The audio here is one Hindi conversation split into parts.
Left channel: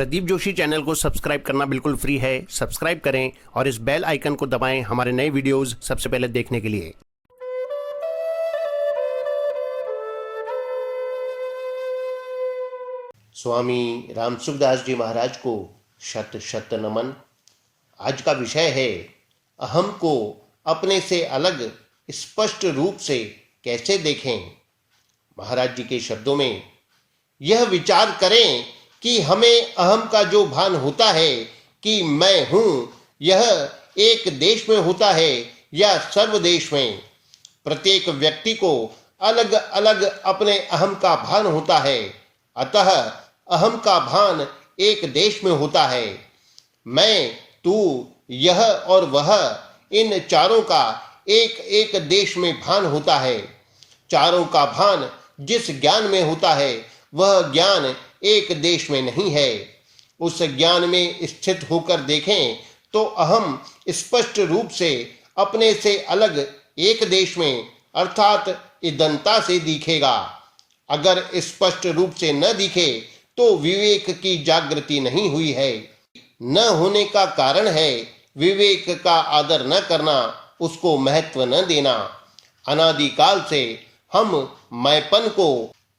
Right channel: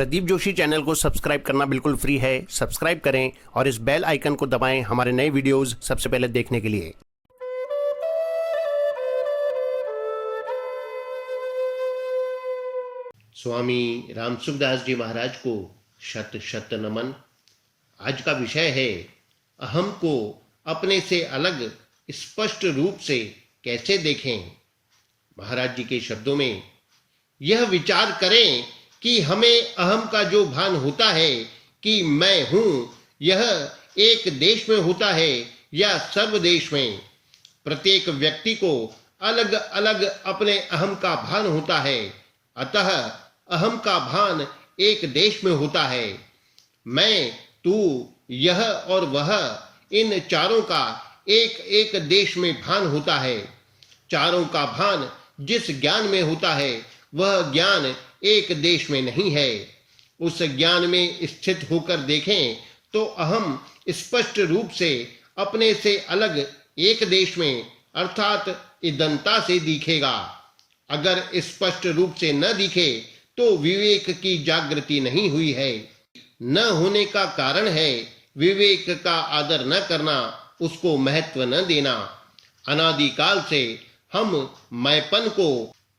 प्रदीप जोशी चैनल को सब्सक्राइब करना बिल्कुल फ्री है। सब्सक्राइब करें और इस बेल आइकन को दबाएं हमारे नए वीडियोस सबसे पहले देखने के लिए। स्वामी रामसुखदास जी महाराज को शत शत नमन। आज का विषय है अहम को अपने से अलग स्पष्ट रूप से कैसे देखें। महाराज जी के शब्दों में, यह विचार करें कि हमें अहम का जो भान होता है कि मैं हूं, यह एक देश में होता है या सर्वदेश में। प्रत्येक व्यक्ति को अलग अलग अपने अहम का भान होता है, अतः अहम का भान एक देश में होता है। मैं, तू, यह और वह, इन चारों का एक एक देश में भान होता है। चारों का भान जिस ज्ञान में होता है वह ज्ञान एक देश में नहीं है। उस ज्ञान में स्थित होकर देखें तो अहम स्पष्ट रूप से अपने से अलग एक देश में अर्थात इदंता से दिखेगा। अगर स्पष्ट रूप से न दिखे तो विवेक की जागृति नहीं हुई है। न होने का कारण है विवेक का आदर न करना, उसको महत्व न देना। अनादिकाल से हम मैंपन को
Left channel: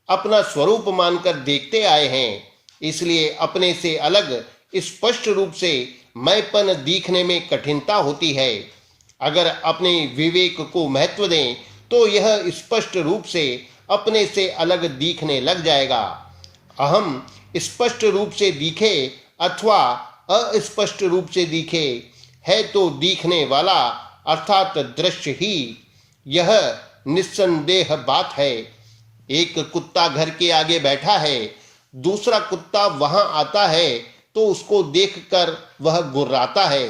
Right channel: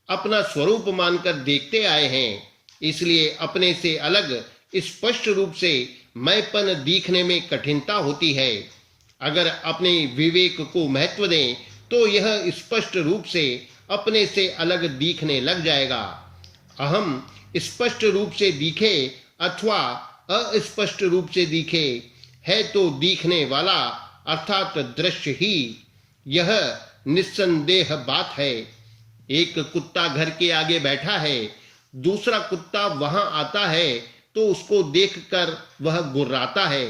अपना स्वरूप मानकर देखते आए हैं, इसलिए अपने से अलग स्पष्ट रूप से मैंपन दिखने में कठिनता होती है। अगर अपने विवेक को महत्व दें तो यह स्पष्ट रूप से अपने से अलग दिखने लग जाएगा। अहम स्पष्ट रूप से दिखे अथवा अस्पष्ट रूप से दिखे, है तो दिखने वाला अर्थात दृश्य ही। यह निस्संदेह बात है। एक कुत्ता घर के आगे बैठा है, दूसरा कुत्ता वहां आता है तो उसको देखकर वह गुर्राता है।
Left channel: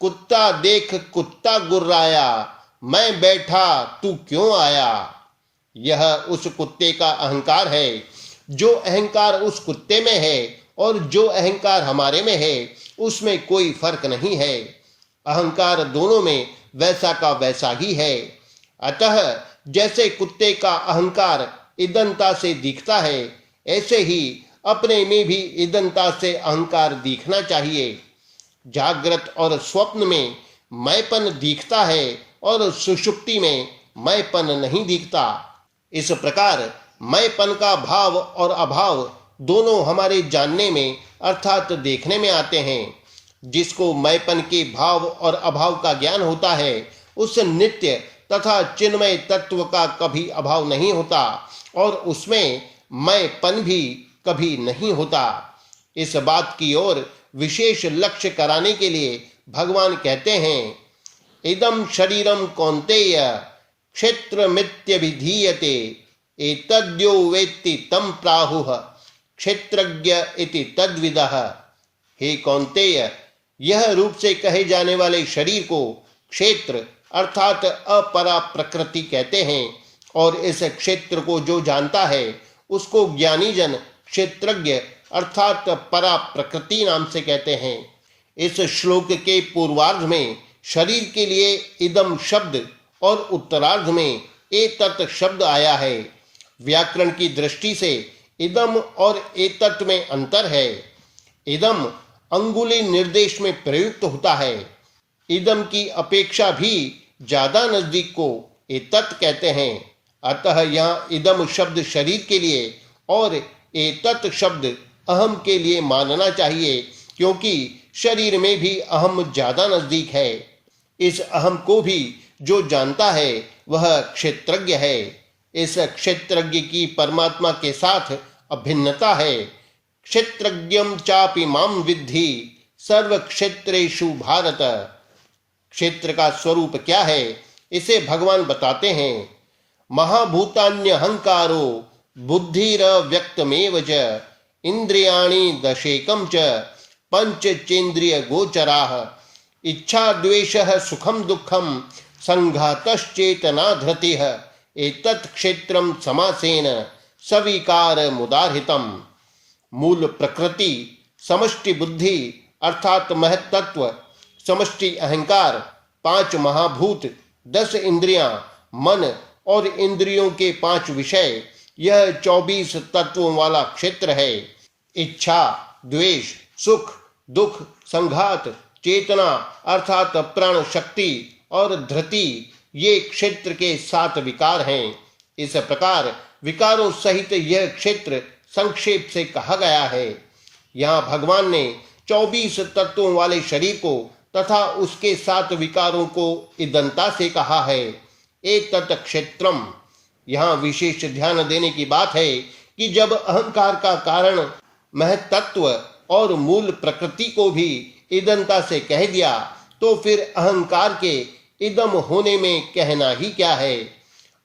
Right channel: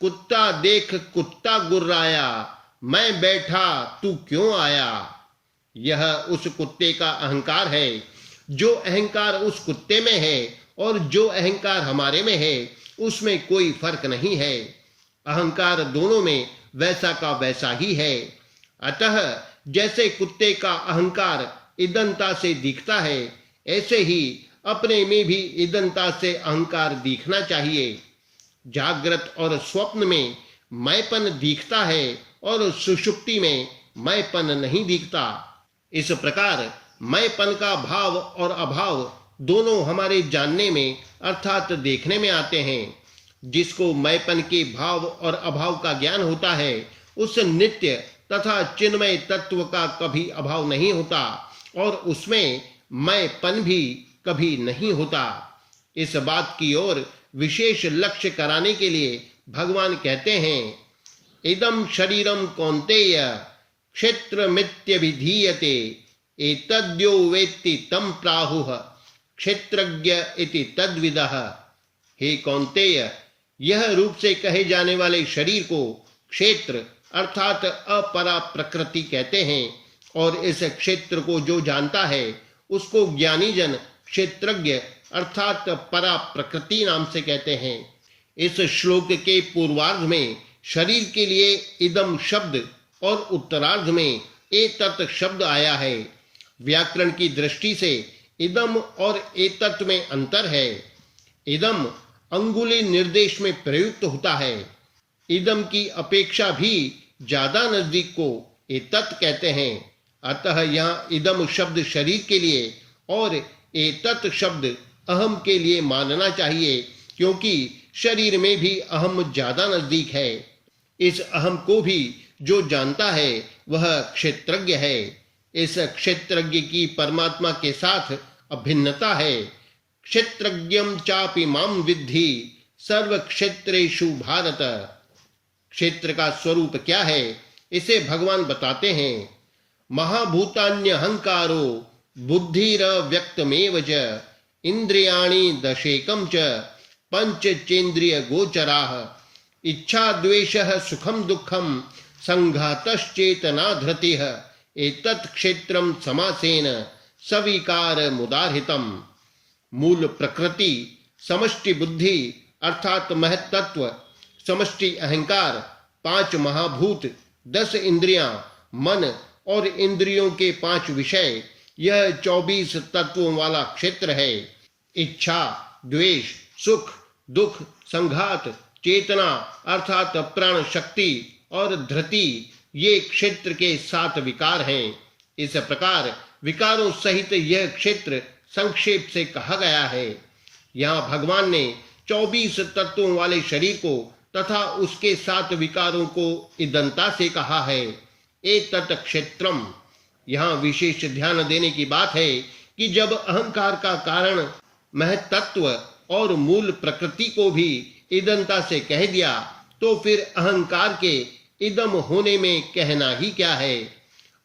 कुत्ता देख कुत्ता गुर्राया, मैं बैठा तू क्यों आया। यह उस कुत्ते का अहंकार है। जो अहंकार उस कुत्ते में है और जो अहंकार हमारे में है उसमें कोई फर्क नहीं है। अहंकार दोनों में वैसा का वैसा ही है। अतः जैसे कुत्ते का अहंकार इदंता से दिखता है, ऐसे ही अपने में भी इदंता से अहंकार दिखना चाहिए। जागृत और स्वप्न में मैंपन दिखता है और सुषुप्ति में मैंपन नहीं दिखता। इस प्रकार मैंपन का भाव और अभाव दोनों हमारे जानने में अर्थात देखने में आते हैं। जिसको मैंपन के भाव और अभाव का ज्ञान होता है उस नित्य तथा चिन्मय तत्व का कभी अभाव नहीं होता और उसमें मैंपन भी कभी नहीं होता। इस बात की ओर विशेष लक्ष्य कराने के लिए भगवान कहते हैं, इदं शरीरम कौन्तेय क्षेत्रमित्यभिधीयते एतद्यो वेत्ति तं प्राहुः क्षेत्रज्ञ इति तद्विदः। हे कौन्तेय, यह रूप से कहे जाने वाले शरीर को क्षेत्र अर्थात अपरा प्रकृति कहते हैं और इस क्षेत्र को जो जानता है उसको ज्ञानी जन क्षेत्रज्ञ अर्थात परा प्रकृति नाम से कहते हैं। इस श्लोक के पूर्वार्ध में शरीर के लिए इदम शब्द और उत्तरार्ध में एतत् शब्द आया है। व्याकरण की दृष्टि से इदम और एतत् में अंतर है। इदम अंगुली निर्देश में प्रयुक्त होता है। इदम की अपेक्षा भी ज्यादा नजदीक को एतत् कहते हैं। अतः यहाँ इदम शब्द शरीर के लिए और एतत् शब्द अहम के लिए मानना चाहिए, क्योंकि शरीर में भी अहम ज्यादा नजदीक है। इस अहम को भी जो जानता है वह क्षेत्रज्ञ है। इस क्षेत्रज्ञ की परमात्मा के साथ अभिन्नता है। क्षेत्रज्ञं चापि मां विद्धि सर्व क्षेत्रेषु भारत। क्षेत्र का स्वरूप क्या है इसे भगवान बताते हैं। महाभूतान्यहंकारो बुद्धिरव्यक्तमेव च इंद्रियाणि दशेकं च पंचचेन्द्रिय गोचराः इच्छा द्वेषः सुखम दुःखम संघातश्चेतना धृतिः एतत् क्षेत्रं समासेन सविकार मुदारितम। मूल प्रकृति, समष्टि बुद्धि अर्थात महत्त्व, समष्टि अहंकार, 5 महाभूत, 10 इंद्रियां, मन और इंद्रियों के 5 विषय, यह 24 तत्वों वाला क्षेत्र है। इच्छा द्वेष, सुख, दुख, संघात, चेतना अर्थात प्राण शक्ति और धृति, ये क्षेत्र के 7 विकार हैं। इस प्रकार विकारों सहित यह क्षेत्र संक्षेप से कहा गया है। यहाँ भगवान ने 24 तत्वों वाले शरीर को तथा उसके 7 विकारों को इदंता से कहा है। एक तत् क्षेत्रम। यहाँ विशेष ध्यान देने की बात है कि जब अहंकार का कारण महतत्व और मूल प्रकृति को भी इदंता से कह दिया, तो फिर अहंकार के इदम होने में कहना ही क्या है।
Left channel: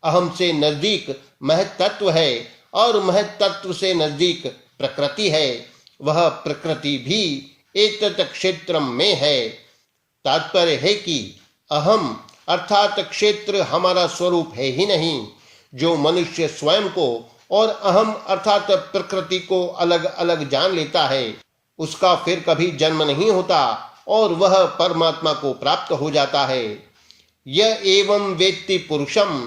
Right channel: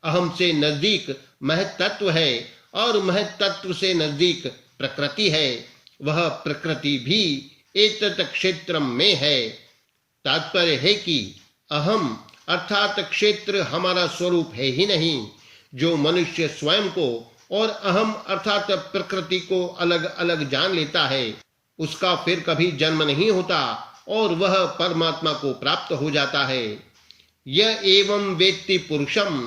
अहम से नजदीक महतत्व है और महतत्व से नजदीक प्रकृति है। वह प्रकृति भी एतत् क्षेत्रम में है। तात्पर्य है कि अहम अर्थात क्षेत्र हमारा स्वरूप है ही नहीं। जो मनुष्य स्वयं को और अहम अर्थात प्रकृति को अलग अलग जान लेता है, उसका फिर कभी जन्म नहीं होता और वह परमात्मा को प्राप्त हो जाता है। यह एवं वेत्ति पुरुषम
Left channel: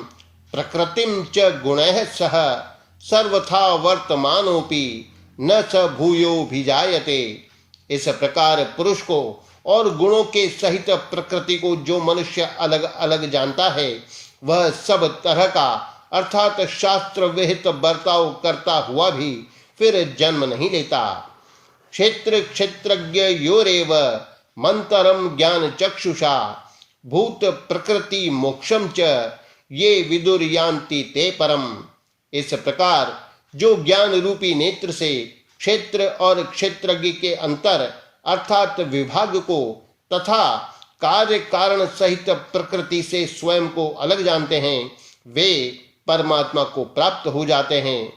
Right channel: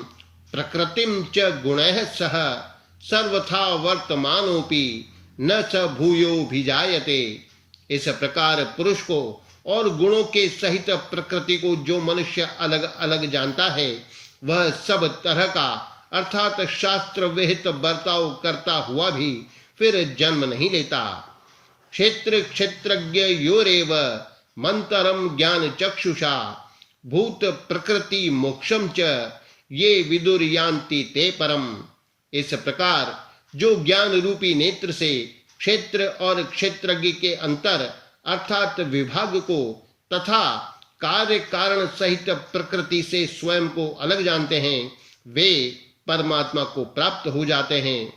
प्रकृतिम च गुणैः सह सर्वथा वर्तमानोपि न स भूयोभिजायते। इस प्रकार पुरुष को और गुणों के सहित प्रकृति को जो मनुष्य अलग अलग जानता है, वह सब तरह का अर्थात शास्त्र विहित बर्ताव करता हुआ भी फिर जन्म नहीं लेता। क्षेत्र क्षेत्रज्ञ योरेव मंतरम ज्ञान चक्षुषा भूत प्रकृति मोक्षम च ये विदुर्यान्ति ते परम। इस प्रकार जो ज्ञान रूपी नेत्र से क्षेत्र और क्षेत्रज्ञ के अंतर अर्थात विभाग को तथा कार्य कारण सहित प्रकृति से स्वयं को अलग जानते हैं, वे परमात्मा को प्राप्त हो जाते हैं।